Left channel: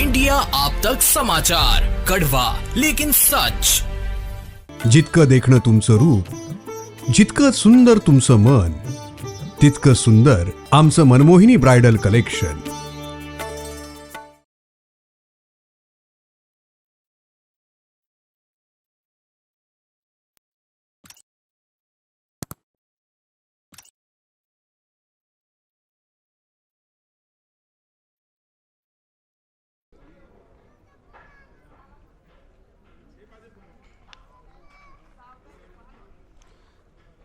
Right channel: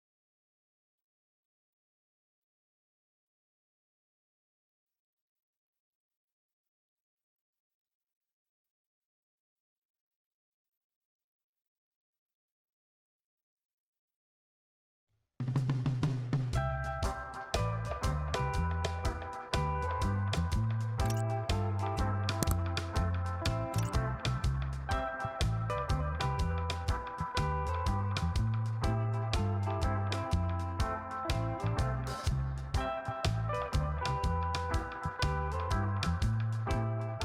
India आप तक समाचार, कड़वा लेकिन सच। जितकं देखणं तुमचं रूप, जितकं सुंदर तुमचं मन, तितकं सुंदर आमचं मनमोहिनी ब्राइडल कलेक्शन।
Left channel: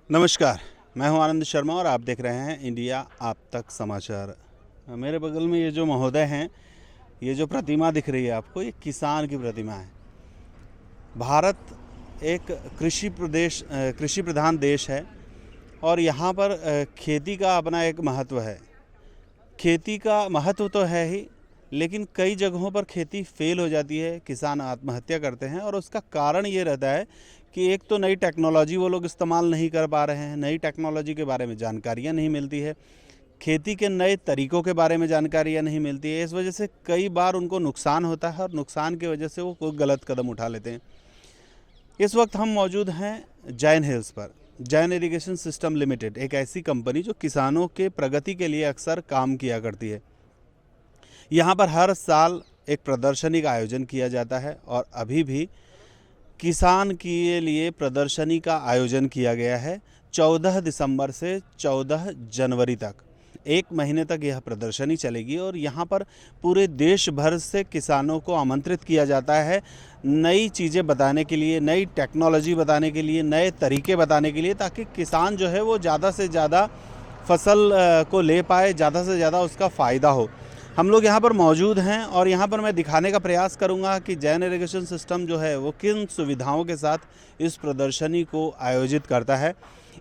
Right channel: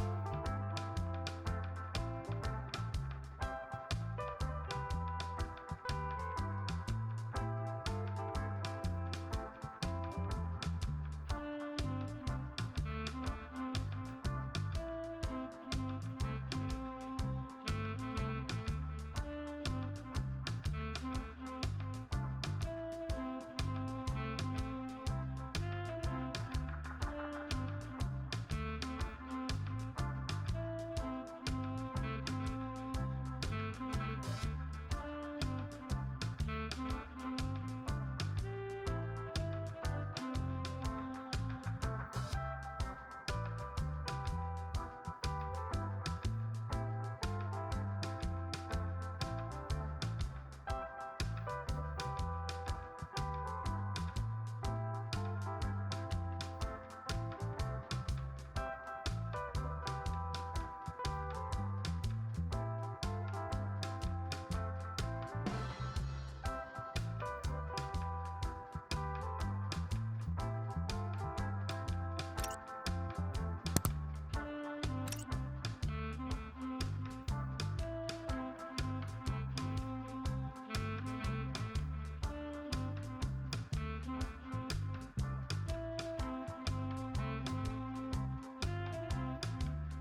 नमस्कार, मैं हूं आनंद शर्मा और आप देख रहे हैं इंडिया आप तक समाचार। मेरे बगल में ये जो महोदय हैं, ये जो प्रतिमा दिख रही है आपको, ये किसान की प्रतिमा है। भारत एक कृषि प्रधान देश है और यहाँ पर खेती का अपना एक महत्व है। खेती का महत्व तो है ही, लेकिन कई जगहों पर खेती फेल हो जाती है, किसान आत्महत्या करते हैं और उसका कारण ये रहता है कि एक तो नई टेक्नोलॉजी वो लोग इस्तेमाल नहीं कर पा रहे हैं, नई टेक्नोलॉजी के बारे में जानकारियाँ नहीं मिलती है, खेती के नए तरीक़ों के बारे में जानकारियाँ नहीं मिलती है। इस वजह से कई बार उनको नुकसान होता है और नुकसान की वजह से वो कोई गलत कदम उठा लेते हैं। इस वक्त हम मौजूद हैं जैन हिल्स पर। जैन इरिगेशन सिस्टम लिमिटेड एक ऐसी कंपनी जो किसानों के प्रगति के लिए अक्सर काम किया करती है। यहाँ पर हर साल एक प्रदर्शनी का आयोजन किया जाता है और अभी भी किसान के लिए प्रदर्शनी का आयोजन किया गया है 14 दिसंबर से 14 जनवरी तक। एक महीने तक यह प्रदर्शनी चलेगी और यहाँ पर पूरे देश भर से किसानों को आमंत्रित किया जाता है नई चीज़ें बताने के लिए, नई टेक्नोलॉजी बताने के लिए, नए तरीके बताने के लिए, ताकि किसान जो है वो ज़्यादा से ज़्यादा फसल को ले पाए, ज़्यादा से ज़्यादा उसका फ़ायदा हो। हम लोग यहाँ पर मौजूद हैं और यहाँ पर मैं दिखाने का प्रयास करूँगा कि जैन इरिगेशन सिस्टम जो है वो किन सुविधाओं के साथ इस प्रदर्शनी को आयोजित करता है।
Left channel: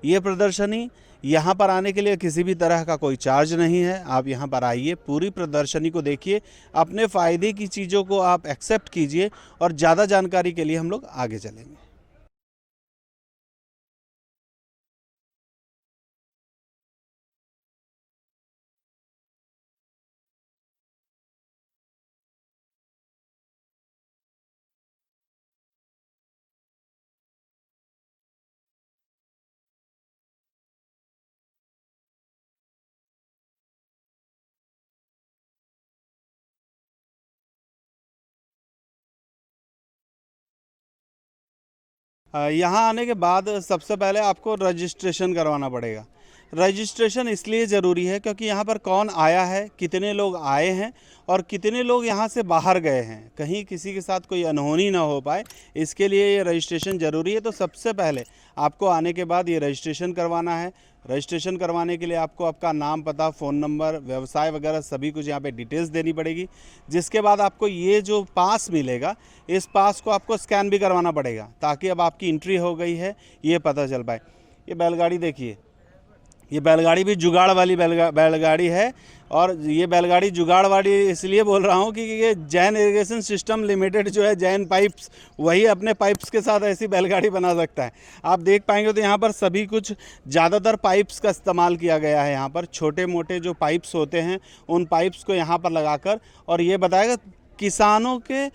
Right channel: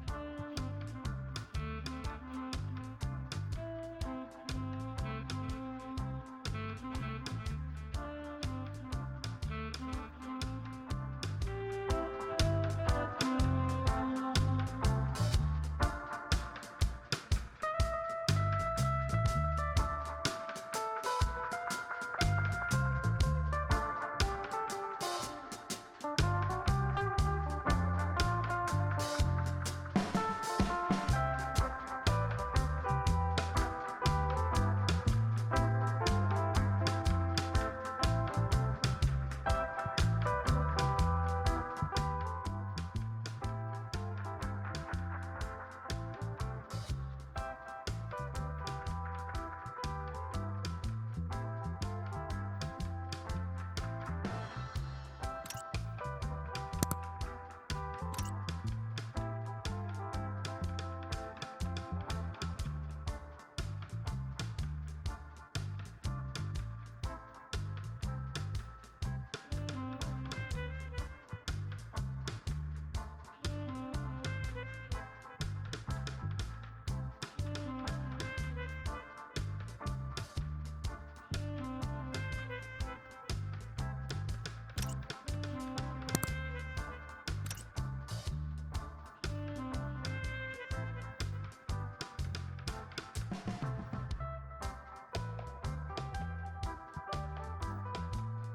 ये प्रदर्शनी यहाँ पर आने के लिए किसी भी तरह का कोई चार्ज नहीं है। आप यहाँ पर आइए, पूरी प्रदर्शनी को देखिए, अपने फ़ायदे की चीज़ों को आप एक्सेप्ट कीजिए और ज़्यादा जानकारी के लिए हम लोग आगे चलेंगे। यहाँ आने के बाद सबसे पहले आपको रजिस्ट्रेशन करवाना पड़ेगा। रजिस्ट्रेशन इसलिए ज़रूरी है क्योंकि यहाँ पर कौन आया है, कितने लोग आए हैं और कितने लोग यहाँ से बाहर गए हैं, कहीं किसी के साथ कोई अनहोनी ना हो पाए, इसके लिए ये रजिस्ट्रेशन ज़रूरी है। तो सबसे पहले आपको आने के बाद ये रजिस्ट्रेशन करवाना है। रजिस्ट्रेशन करवाने के लिए आपको आपका नाम, पता, फ़ोन नंबर, व्यवसाय वगैरह सभी कुछ यहाँ पे डिटेल्स देनी पड़ेगी। जिसके बाद आपको ये जो पास मिलेगा, इस पास को आपको स्कैन भी करवाना पड़ेगा ताकि अब आपकी एंट्री हो गई है ये पता चल पाए। ये बैलगाड़ी देखिए, ये बैलगाड़ी भी जुगाड़ वाली बैलगाड़ी है और ये बैलगाड़ी जुगाड़ वाली इसलिए बोल रहा हूँ कि ये जैन इरिगेशन सिस्टम लिमिटेड जो है, जैन पाइप्स, वही अपने पाइप्स के साथ ऐसी बैलगाड़ी बना सकता है। आप देख पाएंगे तो यहाँ पर सभी कुछ ज़्यादातर पाइप्स का इस्तेमाल किया गया है। यहाँ पर छोटे मोटे जो पाइप्स होते हैं उन पाइप्स को यहाँ पर लगाकर, और ये बताएगा किसानों के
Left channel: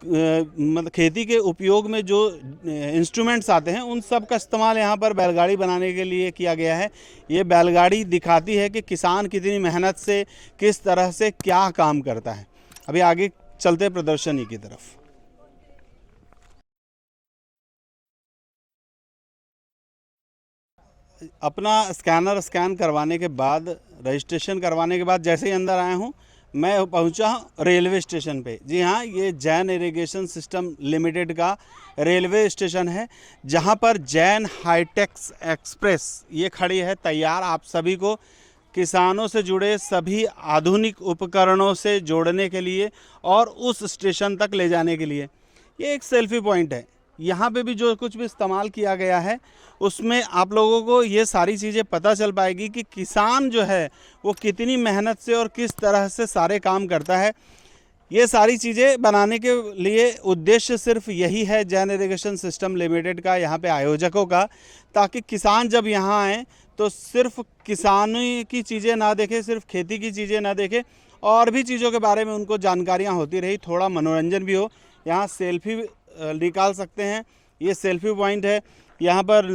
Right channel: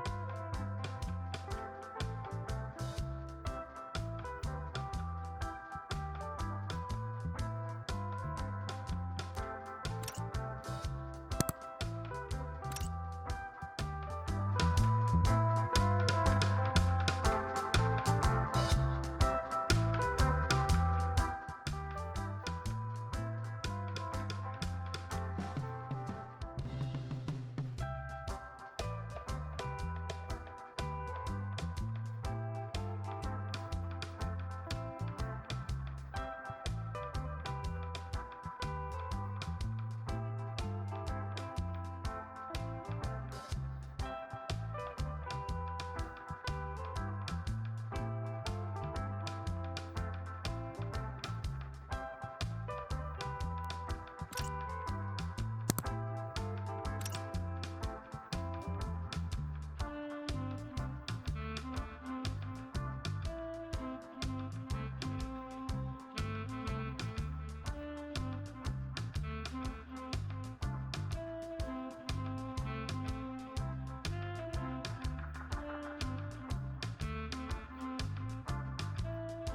मतलब खेती के उपयोग में जो इंस्ट्रूमेंट्स आते हैं उन सब का इस्तेमाल यहाँ पर बैलगाड़ी बनाने के लिए किया गया है। ये बैलगाड़ी दिखाती है कि किसान कितनी मेहनत से, किस तरह से क्या काम करता है। अभी आगे चलते प्रदर्शनी की तरफ। अपना स्कैनर स्कैन करवाने के बाद, रजिस्ट्रेशन करवाने के बाद जैसे ही अंदर आया हूँ, मैं पहुंचा रेलवे स्टेशन पे। जी हाँ, ये जैन इरिगेशन सिस्टम लिमिटेड का रेलवे स्टेशन है जहां पर जैन हाईटेक्स एक्सप्रेस ये खड़ी है तैयार, आप सभी को किसानों से जुड़े सभी आधुनिक उपकरणों से जोड़ने के लिए और उस स्टेशन तक ले जाने के लिए। ये एक सेल्फी पॉइंट है। यहाँ पे भी जो कुछ भी इस्तेमाल किया गया है उसमें आप लोगों को ये सारी चीज़ें पता चल पाएगी कि किसान जो है वो कितनी मेहनत से और किस तरह से सारे काम करता है। ये सारी चीज़ें बनाने के लिए उद्देश्य सिर्फ यही है जैन इरिगेशन सिस्टम लिमिटेड का, यहाँ पे आयोजकों का, ताकि किसान जब यहाँ आएँ तो सिर्फ किसानी की चीज़ें ना देखें, सिर्फ खेती की चीज़ें ना देखें, और भी चीज़ों के बारे में उनको जानकारियाँ होती रही, थोड़ा मनोरंजन भी हो। यहाँ सेल्फी निकाल सकते हैं, ये सेल्फी पॉइंट है। यहाँ पर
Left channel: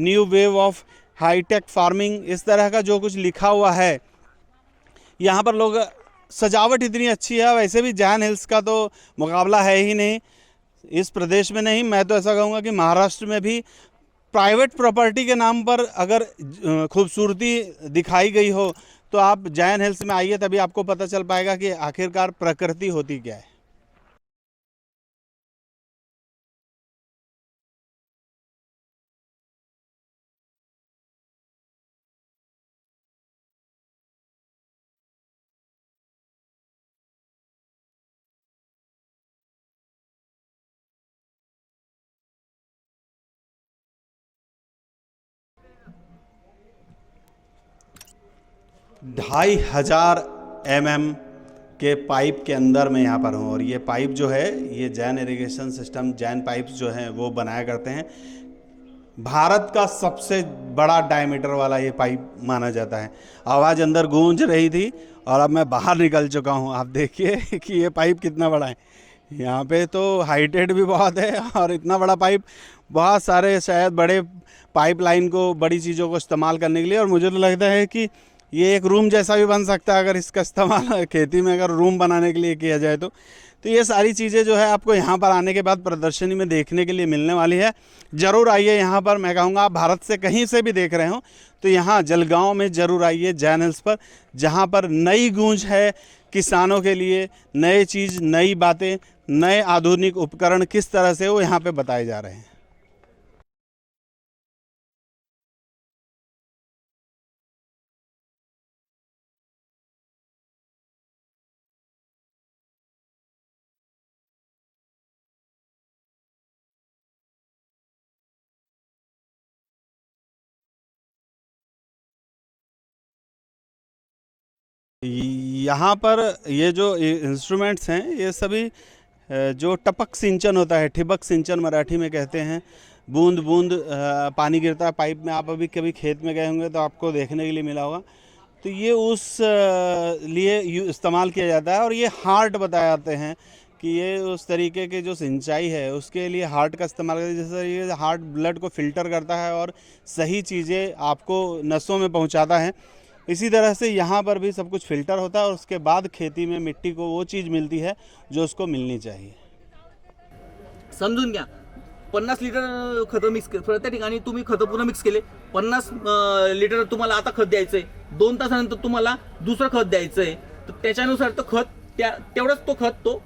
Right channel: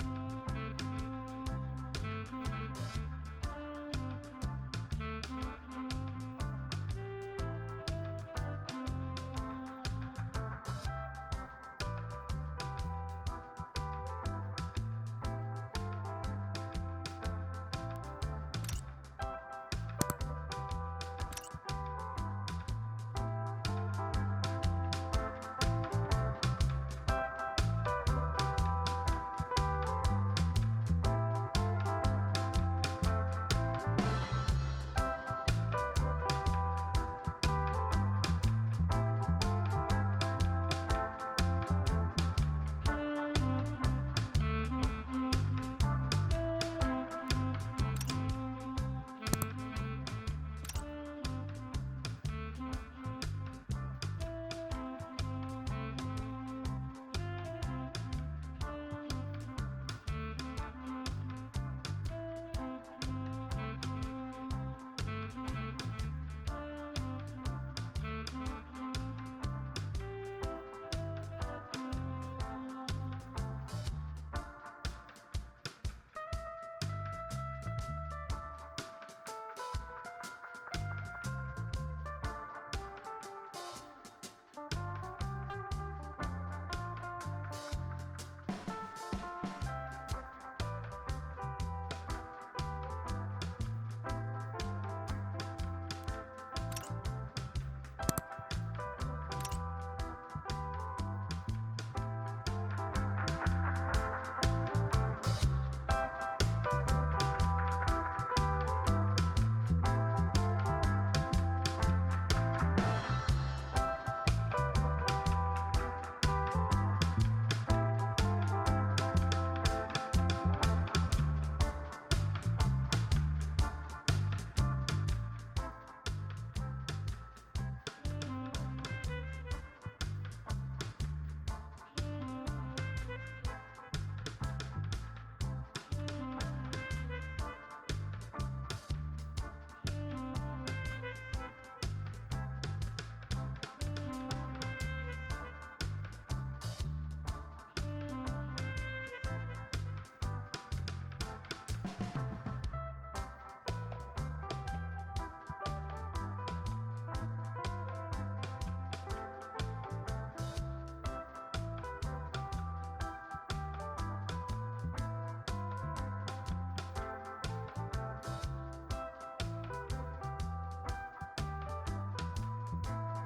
new wave of hightech farming इस तरह का जो कुछ लिखा हुआ है। यहाँ पर लोग, सजावट इतनी अच्छी है, वैसे भी जैन हिल्स का तो मुकाबला है ही नहीं इस प्रदेश में। नहीं, मैं तो ऐसा कहूँगा कि महाराष्ट्र में भी प्राइवेट प्रॉपर्टी के नाम पर अगर खूबसूरती दिखाई गई हो तो आप जैन हिल्स में आइए, तभी आपको पता चल पाएगा कि आखिरकार प्रकृति होती क्या है। ढाई हजार mm के पाइप के अंदर मैं यहाँ पर हूँ, और ये पाइप जो है ये Jain irrigation system, Jain pipes जो हैं वो बनाया करते हैं। भारत का सबसे बड़ा डायमीटर वाला ये पाइप माना जाता है। आवाज़ अंदर गूंज रही थी और अब मैं बाहर निकल चुका हूँ। आप देखिए कि ये पाइप कितना बड़ा है। यहाँ पे तो हाइटेड भी बहुत है, और इतना बड़ा पाइप बहुत सारे शायद बड़े पाइपलाइन को, बड़ी चीज़ों को इस्तेमाल करने के लिए, और मुझे तो लगता है कि ये एक रूम जैसा भी बन सकता है अगर इसका इस्तेमाल खेती में अगर रूम बनाने के लिए किया जाए तो ये सारी चीज़ें जो है आपको यहाँ पर आने के बाद प्रदर्शनी में देखने के लिए मिलने वाली है। ज़रूर आइए यहाँ पर। मैं कहूँगा आप भारत से कहीं से भी देख रहे हो तो यहाँ जलगांव में ज़रूर आइए, जैन हिल्स पर, जहाँ पर नई गूंज है किसानों के लिए। नई चीज़, नई बातें, नए आधुनिक उपकरण किस तरह से वो यहाँ पे बताए जा रहे हैं। यहाँ पर ये जो इंस्ट्रूमेंट्स हैं ये सभी जो टपक सिंचन होता है, ठिबक सिंचन मराठी में कहते हैं, बूंद बूंद पानी गिरता है पाइप में। आप अभी कभी खेत में गए होंगे तो आपको देखने के लिए मिला होगा। तो ये उस लिए इस्तेमाल किया जाता है, और ये हार्ट बताए जाते हैं कि ये उस तरीके के जो सिंचाई है उसके लिए हार्ट का इस्तेमाल करते हैं। जैसे ये हार्ट ब्लड को फिल्टर करता है और सही चीज़ें आपको नसों में पहुँचाता है। इसी तरह से यहाँ पर भी सब कुछ फिल्टर होता है, और उसके बाद खेती में मिट्टी को वो चीज़ मिलती है जो उसको मिलनी चाहिए। समजून घ्या, 50 लिटर खतं मिक्स केलं, त्या ठिकाणी तुम्ही खतं पुन्हा मिक्स केले, 50 लिटर तुम्हाला आता खत द्यायचंय, 2 तासानंतर तुम्हाला दुसरं खत द्यायचंय, तर त्याच्यानुसार तो खत तेवढंच तो खत तो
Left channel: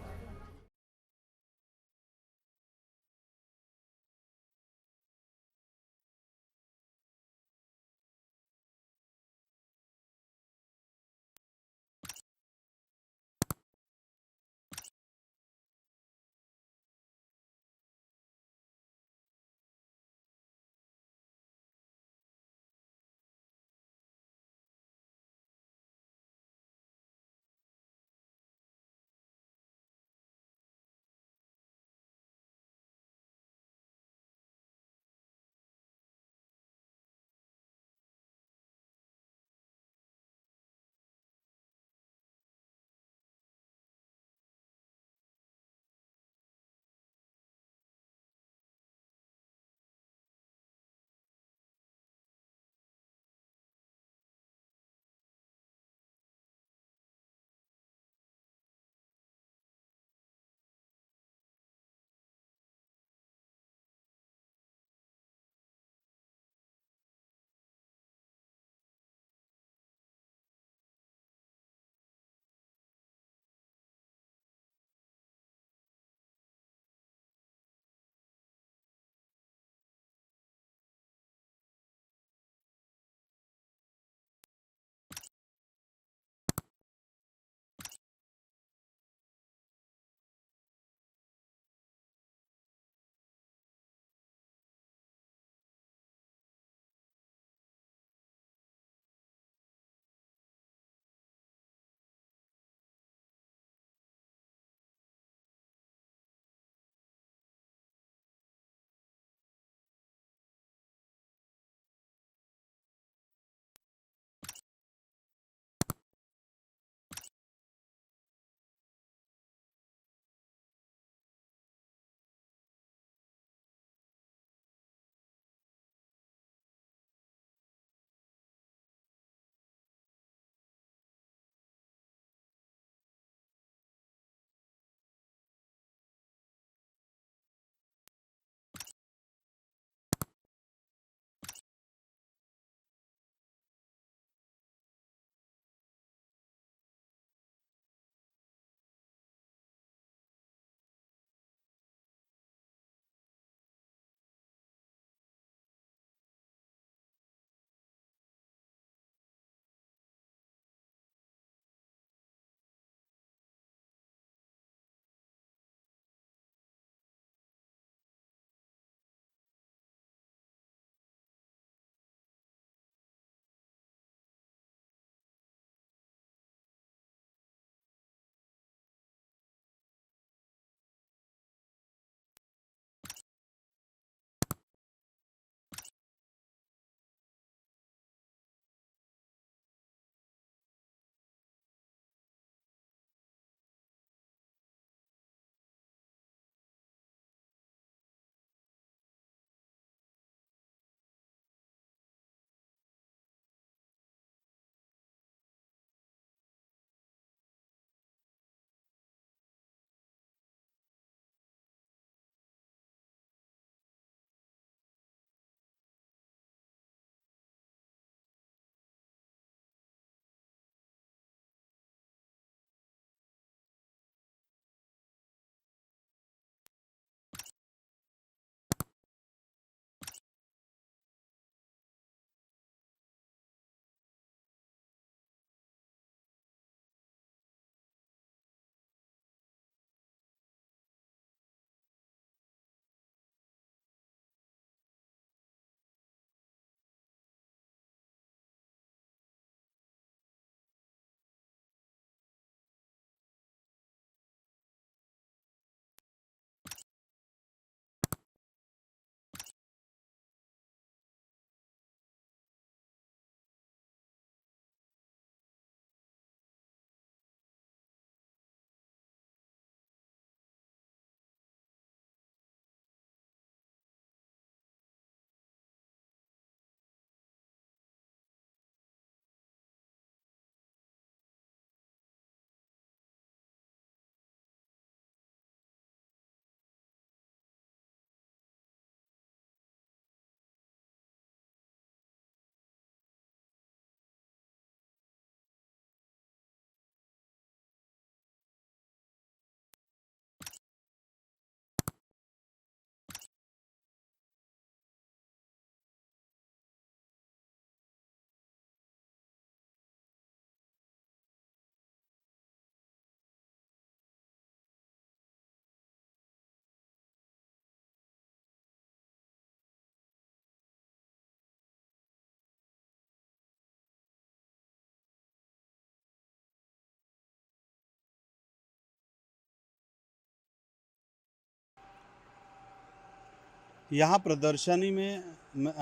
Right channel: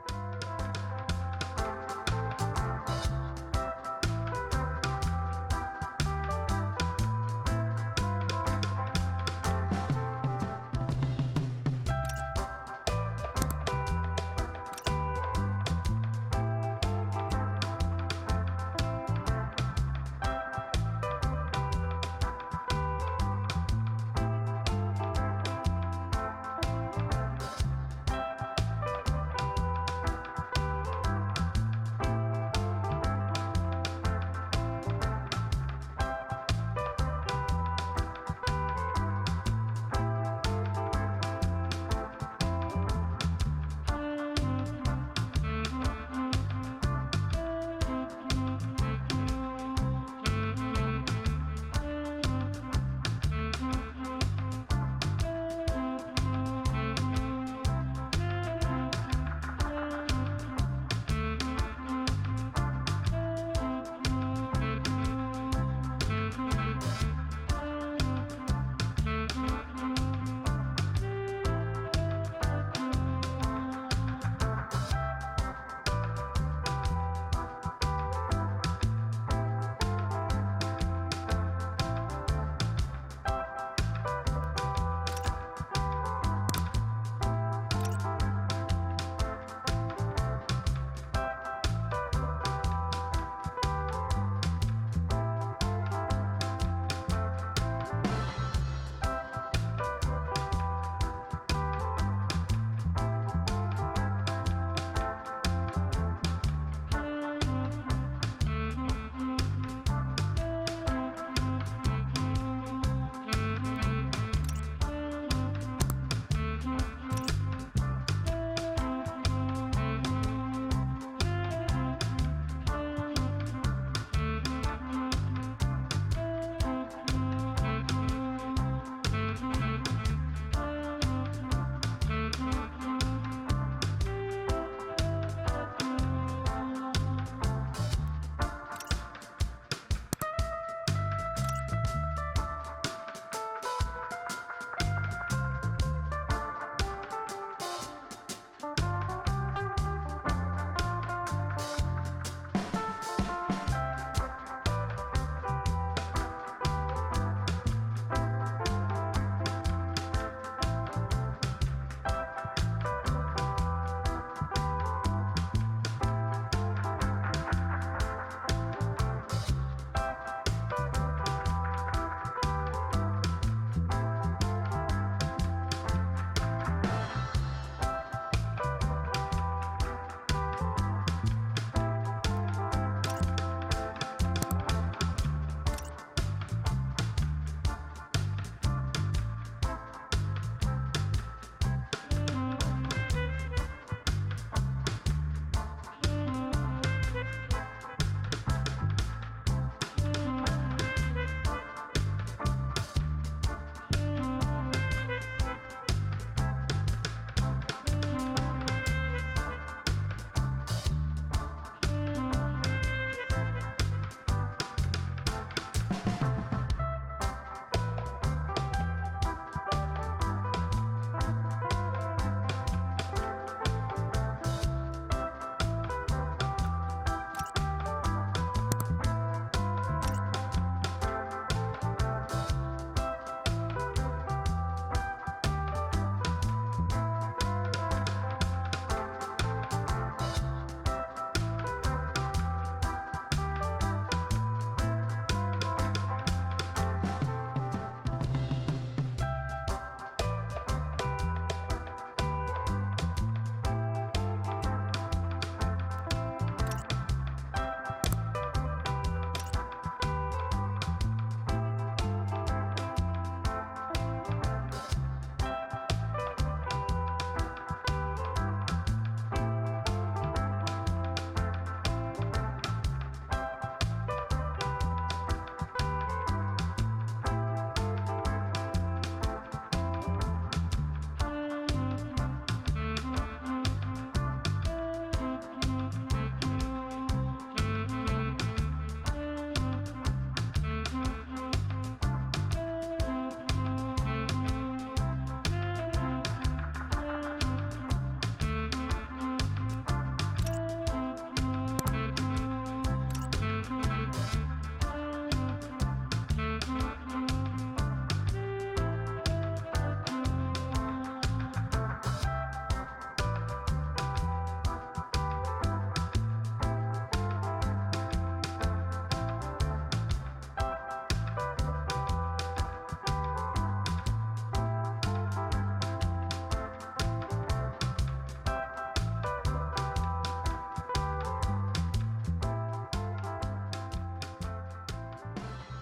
यहाँ प्रदर्शनी में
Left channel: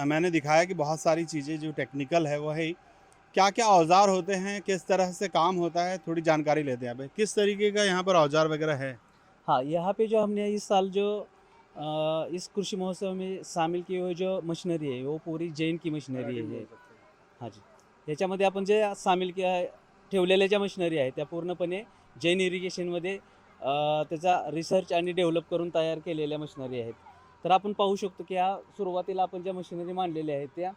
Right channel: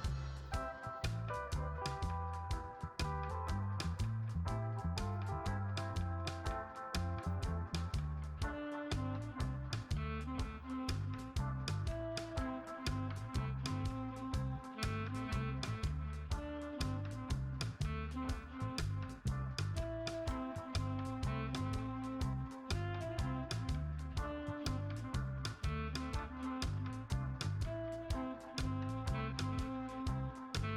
मैंने दिखाया कि बहुत सारी चीज़ें जो टेक्निकल है वो है ही। क्या क्या औजार होते हैं, किस तरह से काम होता है, थोड़ी जानकारी लेते हैं यहाँ पे। किस तरीके का यहाँ पर औजार वगैरह है? हाँ, यहाँ पे जो हमने इस साल जो इस कृषि महोत्सव में शामिल की हुई जो मशीनरी आहे वो पूरी जैन की मशीनरी आहे। हाँ जी, याच्यामध्ये आपण जे सामील ठेवलेल्या ज्या मशिनरी आहेत त्या पूर्णपणे जैन इरिगेशनमध्ये त्याचा रिसर्च आणि डेव्हलप करून तयार केलेल्या मशिनरी आहेत। तर आपण पाहू शकतो की या सुरुवातीला आपण ज्या मशिनरी मांडलेल्या आहेत त्या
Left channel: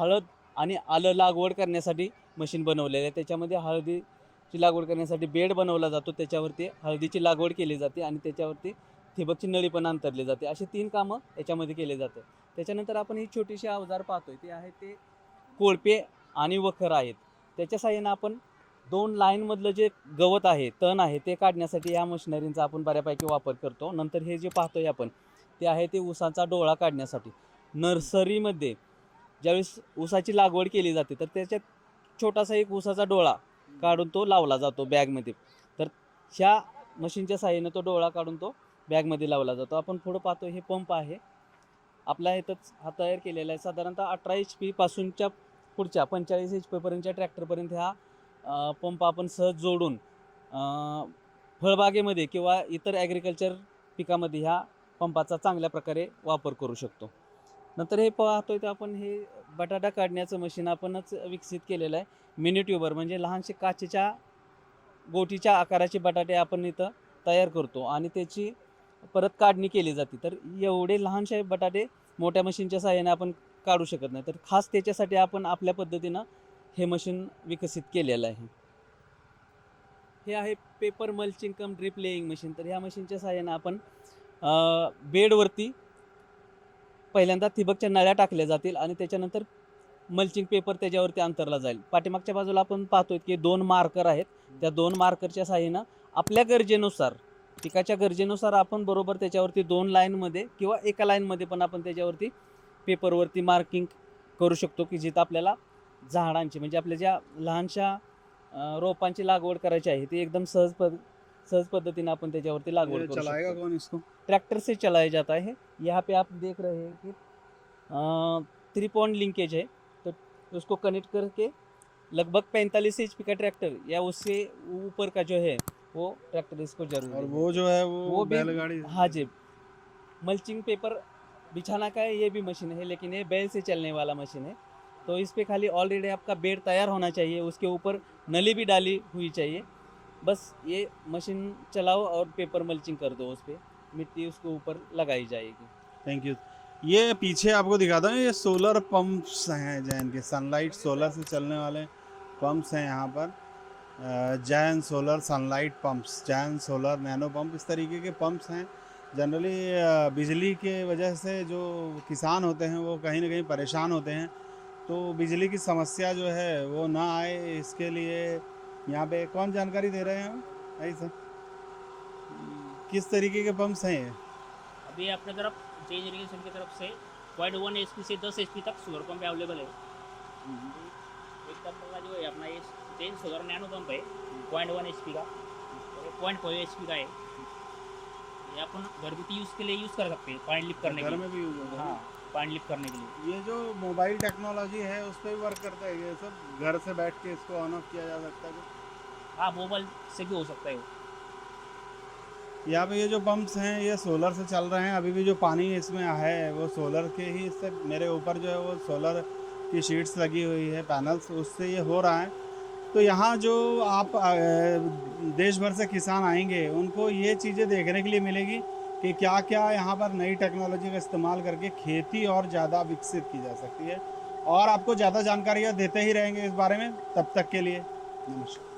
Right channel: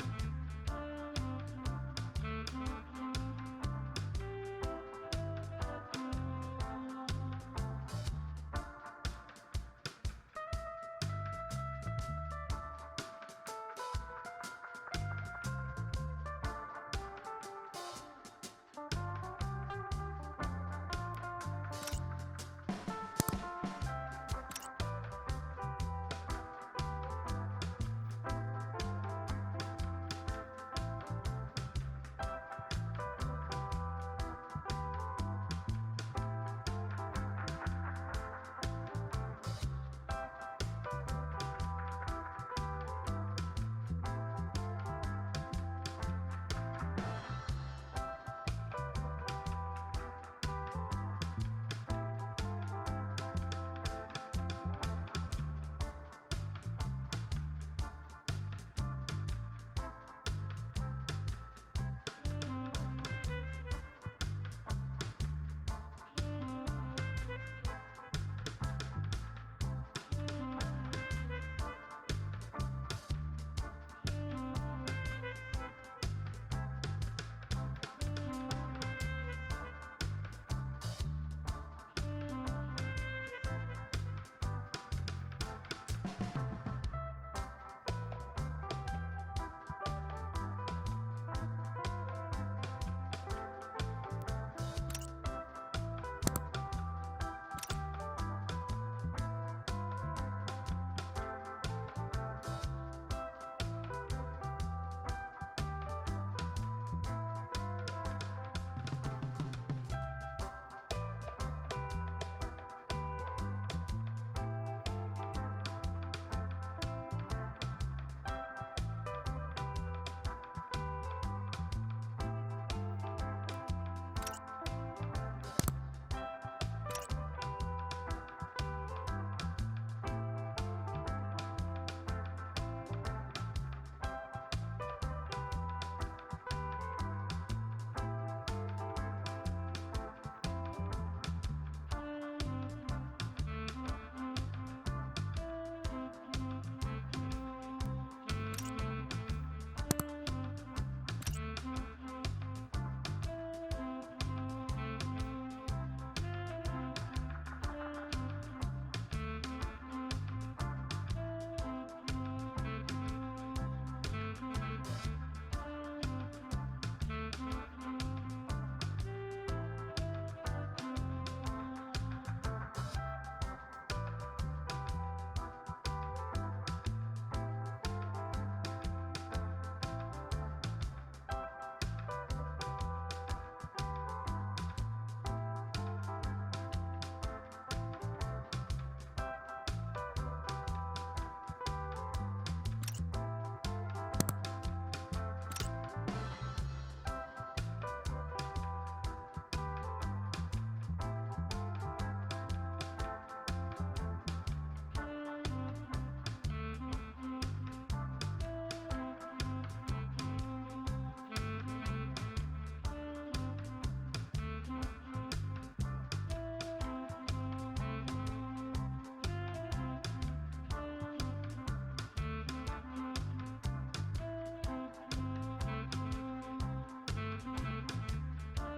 हळद आणि आलं लागवड करण्यासाठी मशीन बनवलेलं आहे। त्याच्यामध्ये हळदीची लागवड करण्यासाठी बेड बनवला जातो, त्याच्यावरती हळदीची लागवड केली जाते आणि त्याच्यावरती ठिबकची नळी पण अंतरली जाते। अशी 3 कामं याच्यामध्ये केले जातात। त्याच्यानंतर आपण ही छोटीशी अवजार पाहतो ती आहे ते कोळपे आणि वखर आहेत। त्याच्या साहाय्याने आपण 2 लाईनमधलं जे गवत आहे, तण आहे ते काढण्यासाठी या मशिनरींचा आपण बऱ्यापैकी वापर करतो। नंतर हे जे पाहतोय आपण ते आहे ते ऊसाचा डोळा काढण्यासाठी। नर्सरीमध्ये ज्यावेळेस ऊसाची लागवड केली जाते तर त्याच्यात छोटासा एक ऊसाचा डोळा काढून तो लावला जातो बॅगमध्ये। तर ह्या मशीनच्या साहाय्याने तो डोळा काढून तो बॅगमध्ये लावला जातो। आपण पुढं पाहतो हे पंप आहे आपल्या इथंच हा तयार केलेला आहे। साधारणतः 18 HP पासूनच्या पुढच्या 45 HP पर्यंतच्या ट्रॅक्टरपर्यंत हा पंप आपण सहज जोडून फळबागेमध्ये किंवा इतर ॲग्रिकल्चर पिकामध्ये ह्या पंपाचा चांगल्या प्रकारे वापर करू शकतो। नंतर हे पाहतोय तर आपण हे बटाटा काढण्याचं मशीन आपणच विकसित केलेलं आहे। मिनी ट्यूबर म्हणजे लहानशे काचेच्या गोटीच्या आकाराचे बटाटे आपण इथं तयार करतो आणि त्याची परत काढणी केली जाते। तर एवढे लहानशे बटाटे मोठ्या मशीनच्या साहाय्याने आपण काढू शकत नाही, तर खास त्याच्यासाठी आपण आपल्या पद्धतीनं हे मशीन विकसित केलेलं आहे। हे आहे पेपर मल्चिंग कम ड्रिप लेईंग मशीन। तर ह्या मशीनच्या साहाय्याने आपण बेडवरती पहिल्यांदा ठिबकच्या नळ्या टाकल्या जातील आणि त्याच्यानंतर मल्चिंग पेपर त्याच्यावरती अंतरला जाईल। पाठीमागच्या बाजूला आपण पाहतोय की 2 मार्कर आहेत। त्या 2 मार्करच्या साहाय्यानं आपल्या गरजेनुसार, पिकाच्या गरजेनुसार आपण बरोबर त्याच्यावरती 2 लाईनमध्ये किंवा एका लाईनमध्ये पण आपण त्याच्यावरती पेपरवरती मार्किंग करू शकतो की जिथं आपल्याला झाडांची म्हणजे आपल्या ज्या लहानशा रोपांची लागवड करायची आहे ती एकदम सहज पद्धतीने अपन त्याच्यावरती लागवड करू चलाएगा सकते। कौन इसको? ट्रैक्टर से चलाया जाता है। यहाँ पे आप देख रहे हैं कि 3 पॉइंट लिंकेज है, तो उसको कनेक्ट करके लगभग 45 HP का ट्रैक्टर या उससे ऊपर का जो है वो ट्रैक्टर इसको जरूर और है। वो जो है वो भी बैलगाड़ी। हाँ जी, मल्चिंग पेपर बिछाना का है, ये भी मशीन है लेकिन ये बैल से चलने वाला मशीन है। तो इस पे खाली ऑलरेडी आपका बेड तैयार होना चाहिए, उसके ऊपर नली भी डाली हुई चाहिए। बस ये मशीन चलाओ और पेपर मल्चिंग कर दो, उस पर मिट्टी उसके ऊपर लगाई जाएगी। Thank you. ये पीछे आपको दिखाता हूँ, ये सोलर पंप्स हैं जैन के, सनलाइट सोलर से चलने वाले पंप्स हैं यहाँ पर। Jain solar sunlight pumps, Jain solar nano pump, इस तरीके के पंप्स हैं। जनरली बिजली के वजह से जो किसान होते हैं वो कहीं ना कहीं परेशान होते हैं, तो बिजली की समस्या जो है वो ना आए इसके लिए यहाँ पे कौन जानकारी दे रहे हैं हम? आई सर, किस तरीके के पंप्स हैं ये? अभी अपने तरफ तेज इरीगेशन की तरफ से 0.1 HP से 10 HP तक सोलर पंप अवेलेबल है। एक पंप का जो है अपना ये तेज सोलर नैनो पंप है 0.1 HP का, 0.5 HP का है। ये अपन घरगुती यूज़ के लिए यूज़ कर सकते हैं, पानी लिफ्ट करने के घर लिए। में भी यूज होता है। हाँ, पानी लिफ्ट करने के लिए। ये जो मोबाइल टेक्नोलॉजी है उस पर भी वर्क करता है ये सब? घर से बैठ के इसको ऑन ऑफ किया जा सकता है? हाँ, मोबाइल से भी हो सकता है। यहाँ पे ये जो पंप्स हैं ये सोलर से चल रहे हैं। अभी भी जो पानी इसमें है वो सोलर के ही, इससे मेरे ऊपर जो है वो सोलर की शीट्स लगी हुई है, पैनल्स, उससे ये हो रहा है। तो यहाँ जो आप देश भर से किसान आएंगे उनको ये चीज़ें देखने के लिए मिलेगी कि क्या क्या यहाँ पर नई टेक्नोलॉजी का इस्तेमाल करके खेती और ज़्यादा विकसित की जा सकती है, और आपको ज़्यादा जानकारियाँ देते ही रहेंगे इस बारे में। तब तक के लिए नमस्कार।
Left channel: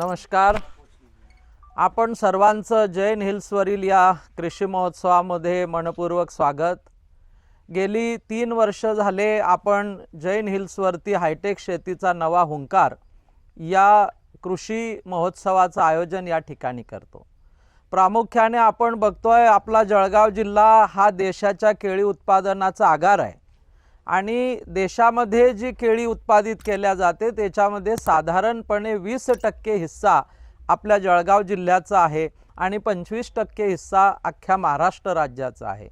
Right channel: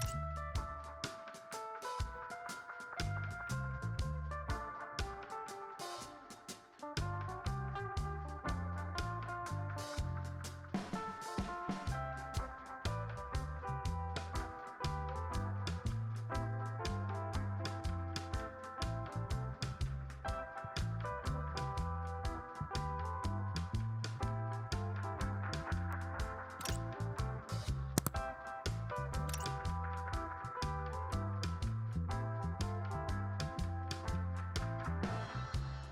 नमस्कार, आपण सर्वांचं जैन हिल्सवरील या कृषी महोत्सवामध्ये मनपूर्वक स्वागत। गेली 3 वर्ष झाले आपण जैन हिल्सवरती हायटेक शेतीचा नवा हुंकार या कृषी महोत्सवाचं आयोजन या ठिकाणी करतो। प्रामुख्याने आपण बघतोय आपला जळगाव जिल्हा हा देशाच्या केळी उत्पादनाचा आगार आहे आणि देशामध्ये जी केळी उत्पादित केल्या जाते त्याच्यामध्ये साधारणपणे 20% हिस्सा आपल्या जळगाव जिल्ह्याचा आहे आणि 25% हिस्सा अख्ख्या महाराष्ट्र राज्याचा आहे.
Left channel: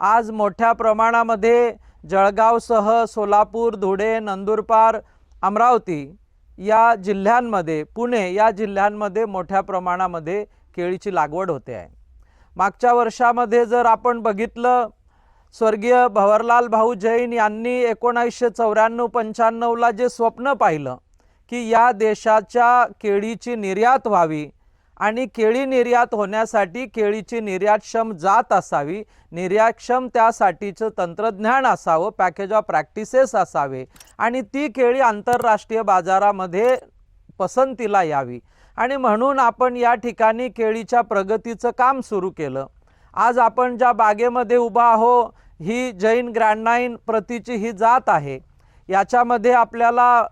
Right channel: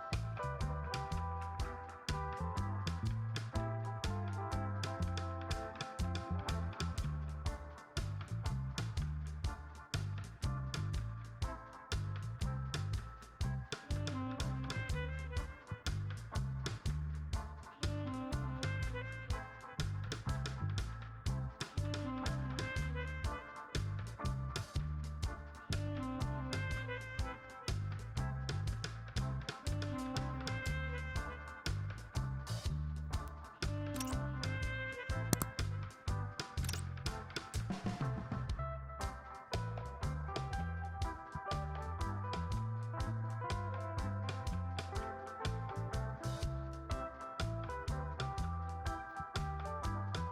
आज मोठ्या प्रमाणामध्ये जळगावसह सोलापूर, धुळे, नंदुरबार, अमरावती या जिल्ह्यांमध्ये, पुणे या जिल्ह्यांमध्ये मोठ्या प्रमाणामध्ये केळीची लागवड होते आहे. मागच्या वर्षामध्ये जर आपण बघितलं, स्वर्गीय भंवरलाल भाऊ जैन यांनी 1994-95ला जे स्वप्न पाहिलं की या देशाच्या केळीची निर्यात व्हावी आणि केळी निर्यात होण्यासाठी केळीची निर्यातक्षम जात असावी, निर्यातक्षम त्यासाठीचं तंत्रज्ञान असावं, पॅकेज ऑफ प्रॅक्टिसेस असावे आणि ती केळी आंतरराष्ट्रीय बाजारामध्ये पसंतीला यावी आणि म्हणून आपण या ठिकाणी केळीच्या प्रगतीचं काम सुरू केलं. आज आपण ज्या बागेमध्ये उभा आहो ही जैन ग्रँड9 प्रतीची ही जात आहे. याच्यामध्ये आपल्याला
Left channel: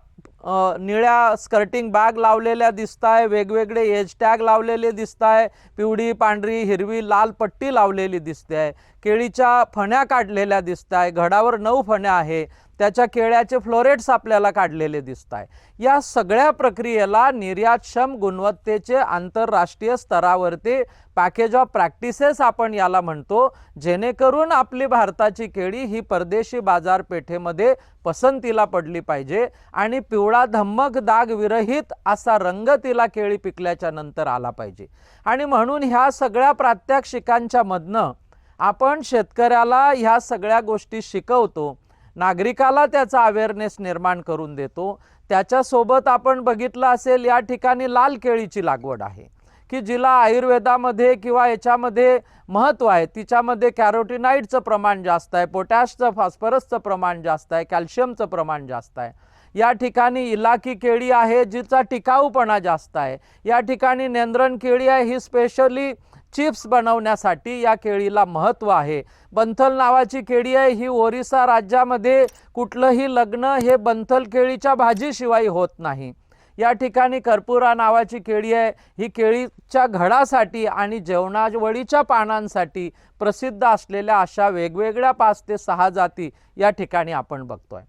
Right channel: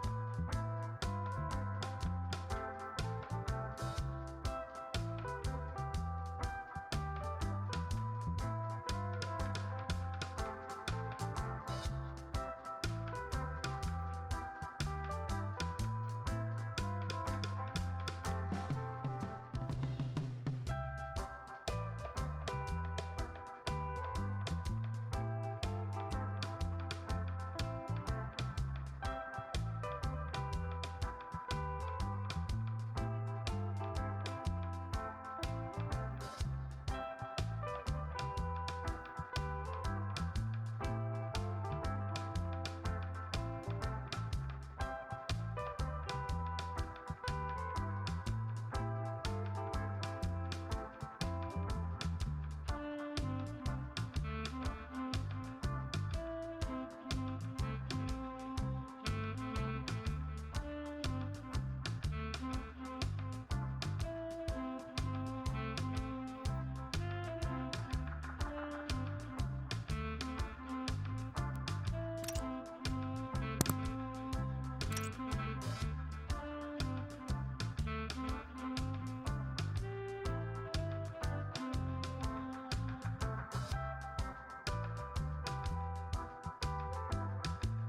निळ्या स्कर्टिंग बॅग लावलेल्या दिसत आहे, वेगवेगळे एज टॅग लावलेले दिसत आहे, पिवळी, पांढरी, हिरवी, लाल पट्टी लावलेली दिसते आहे, केळीच्या फण्या काढलेल्या दिसत आहे, घडावर 9 फण्या आहे, त्याच्या केळ्याचे फ्लोरेट्स आपल्याला काढलेले दिसत आहे. या सगळ्या प्रक्रियेला निर्यातक्षम गुणवत्तेचे आंतरराष्ट्रीय स्तरावरती पॅकेज ऑफ प्रॅक्टिसेस आपण याला म्हणतो, जेणेकरून आपली भारताची केळी ही परदेशी बाजारपेठेमध्ये पसंतीला पडली पाहिजे आणि पिवळा धम्मक दाग विरहित असा रंग तिला केळी पिकल्याच्या नंतर आला पाहिजे. आणि म्हणून ह्या सगळ्या प्रात्यक्षिकांच्या मधनं आपण शेतकऱ्याला ह्या सगळ्या गोष्टी शिकवतो, नागरिकाला त्याचा अवेअरनेस निर्माण करून देतो. त्याच्यासोबत आपण बघितलं असेल या ठिकाणी लाल केळीची लागवड आहे की जिला आयुर्वेदामध्ये किंवा याच्यामध्ये महत्त्व आहे. तिच्यामध्ये कॅरोटिनाइडचं प्रमाण जास्त आहे, पोटॅशचं, फॉस्फरसचं प्रमाण जास्त आहे, कॅल्शियमचं प्रमाण जास्त आहे. या ठिकाणी इलाकी केळी आहे जिचा टिकाऊपणा जास्त आहे. या ठिकाणी नेंद्रन केळी आहे, ही स्पेशली चिप्स बनवण्यासाठी या केळीला महत्त्व आहे. बंथल नावाची केळी आहे, ही ओरिसा राज्यामध्ये कुठलंही लग्न हे बंथल केळीच्या भाजीशिवाय होत नाही. या ठिकाणी कर्पुरा नावाची केळी आहे, ही केळीच्या घडासाठी आणि जेवणावळीच्या पानांसाठी प्रसिद्ध असलेल्या अशा वेगवेगळ्या 5 ते 6 जाती या ठिकाणी आपण बघतोय.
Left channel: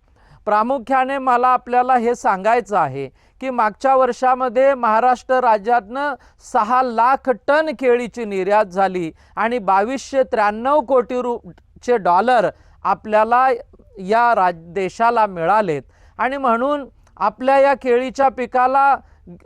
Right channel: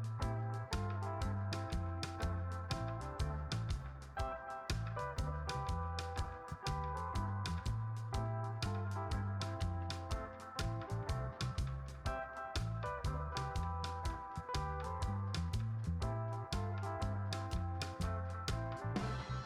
प्रामुख्याने मला आपल्याला हे सांगायचं आहे की मागच्या वर्षामध्ये महाराष्ट्र राज्यातनं 6 लाख टन केळीची निर्यात झाली आणि 2293 कोटी डॉलर आपल्याला या देशाला मिळालेत. आणि म्हणून आपल्या या केळीच्या पिकाला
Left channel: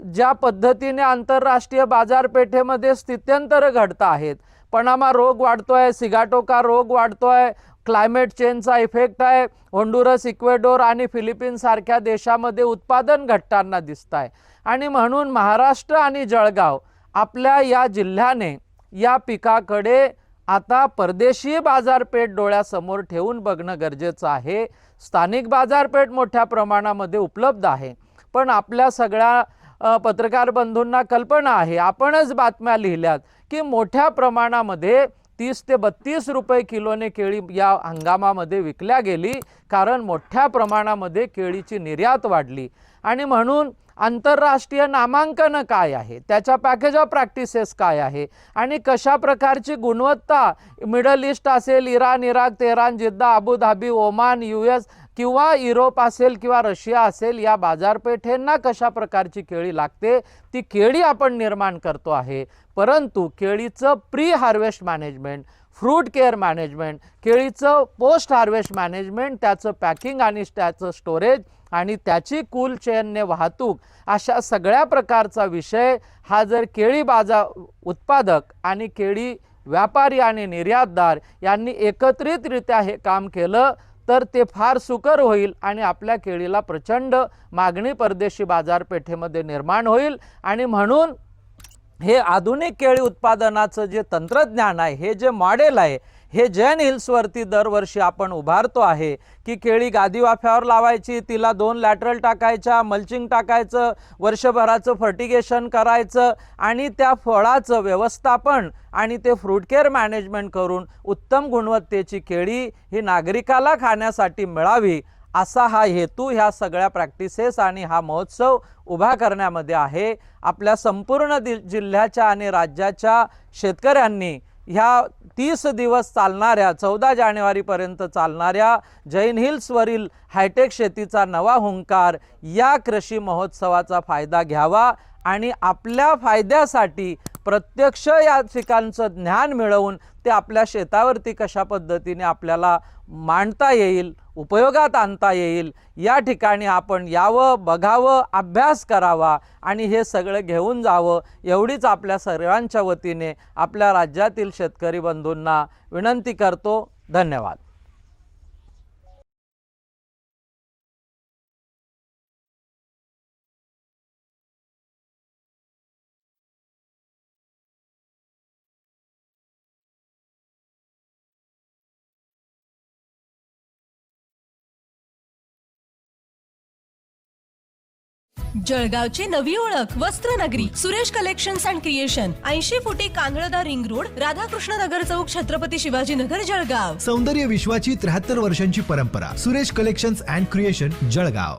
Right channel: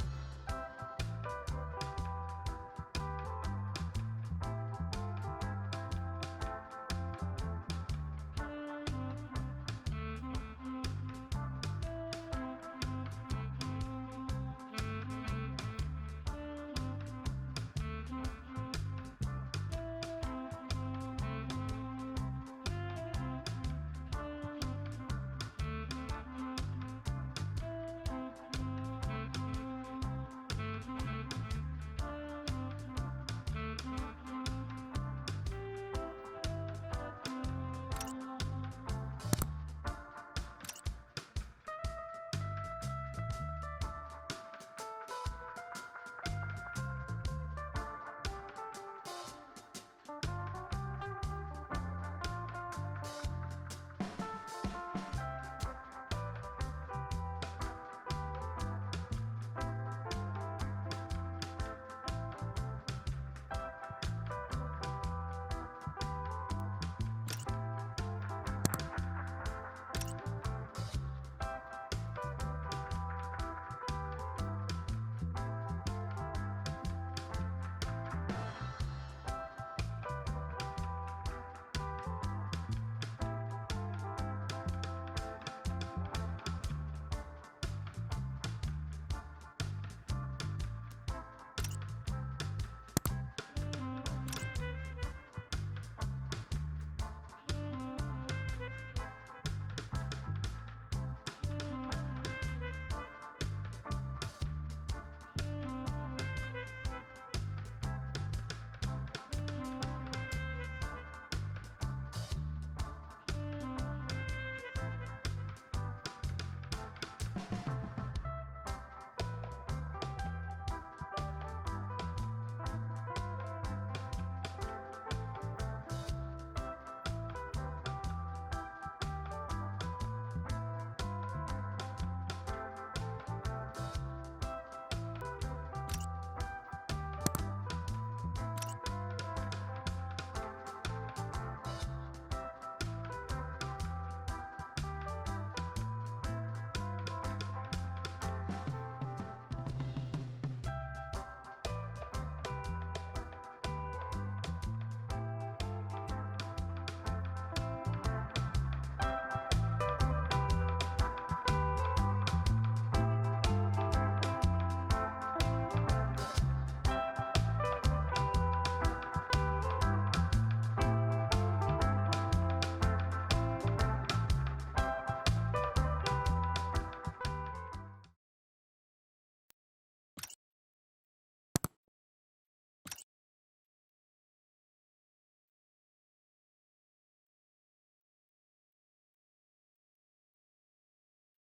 ज्या पद्धतीने आंतरराष्ट्रीय बाजारपेठेमध्ये स्थित्यंतर घडत आहेत, पनामा रोग वाढतोय, सिगाटोका रोग वाढतोय, क्लायमेट चेंजचा इफेक्ट आहे, होंडुरस, इक्वेडोर आणि फिलिपिन्स सारख्या देशामध्ये उत्पादन घटताना दिसत आहे. आणि म्हणून महाराष्ट्र आणि जळगाव आपल्या या जिल्ह्याने या पिकाकडे आता परदेशी बाजारपेठ डोळ्यासमोर ठेवून बघणं गरजेचं आहे. स्थानिक बाजारपेठ मोठ्या प्रमाणामध्ये उपलब्ध आहे, पण आपल्या सगळ्या पत्रकार बंधूंना कल्पना आहे, आपणच बातम्या लिहिल्यात की मोठ्या प्रमाणामध्ये 30 ते 32 रुपये किलोने केळी या हंगामामध्ये विकल्या गेली, कारण मोठ्या प्रमाणामध्ये केळीची निर्यात वाढली. आणि म्हणून आंतरराष्ट्रीय नामांकन काय आहे, त्याच्या पॅकेज ऑफ प्रॅक्टिसेस काय आहे आणि कशा प्रकारची गुणवत्ता मिडल ईस्ट असेल, इराण, इराक, तेहरान, जिद्दा, अबुधाबी, ओमान, US किंवा युरोप असेल किंवा रशिया असेल, या बाजारपेठेंना कशा प्रकारची केळी लागते ती केळी आपण निर्माण करतो आहे. परंतु केळीचं pre harvest management, fruit care management, केळीचं पोस्ट हार्वेस्ट मॅनेजमेंट, त्याचं पॅकिंग आणि त्याचं स्टोरेज आणि त्याची कूल चेनने वाहतूक, अशा सगळ्या प्रकारचा विषय हा जर केळी बाजार उत्पादक आणि केळी व्यापारी आणि निर्यातदार यांनी एकत्रितरित्या हे काम केलं तर ते फार सुकर होईल आणि आपल्या केळीला प्रचंड मागणी परदेशी बाजारपेठेमध्ये निर्माण होईल. आणि म्हणून हे आधुनिक केळी उत्पादनाचं जे तंत्रज्ञान आहे, हे जे मॉडेल आहे, हे जैन हिल्सवरती दरवर्षी आपण उभारतो आहे की केळी गादी वाफ्यावर लावायची, तिला 2 लॅटरल टाकायच्या, मल्चिंग टाकायचं, वर्षभराचं फर्टिगेशन करायचं आणि त्या फळाचं व्यवस्थापन आणि ते फ्रूट केअर मॅनेजमेंट करून उत्तम गुणवत्तेची केळी ही नागरिकाला खाण्यासाठी मिळावी, असा हा हेतू ह्या सगळ्या प्रॅक्टिसेस आणि हा महोत्सव उभा करण्यामध्ये आहे. आपल्या संपूर्ण जिल्ह्याच्या आणि राज्याच्या शेतकऱ्यांनी ह्या 30 दिवस चालणाऱ्या 14 जानेवारीपर्यंत चालणाऱ्या जैन हिल्सवरील हायटेक शेतीचा नवा हुंकार या कृषी महोत्सवाचा फायदा घ्यावा आणि आपल्या फायद्यासाठी प्रत्यक्ष या ठिकाणचं ज्ञान मिळवून ते आपल्या शेतावरती कशा पद्धतीने आपल्याला मांडता येईल, उपयोगात आणता येईल, या ठिकाणी आपण यावं, बघावं, अभ्यास करावा आणि हे सगळं घेऊन जावं, एवढीच आपल्या सर्वांच्या वतीने आपल्या राज्यातील शेतकरी बंधूंना विनंती करतो. धन्यवाद. जळगावची नवी ओळख वस्त्रनगरी सुरेश कलेक्शन्स अँड क्रिएशन 80 फुटी कांदळदा रिंग रोड राधाकृष्ण नगर चौक छत्रपती शिवाजी नगर जळगाव. सौंदर्य विश्वाची 73 वर्षांची परंपरा. Suresh collections and creation Jalgaon.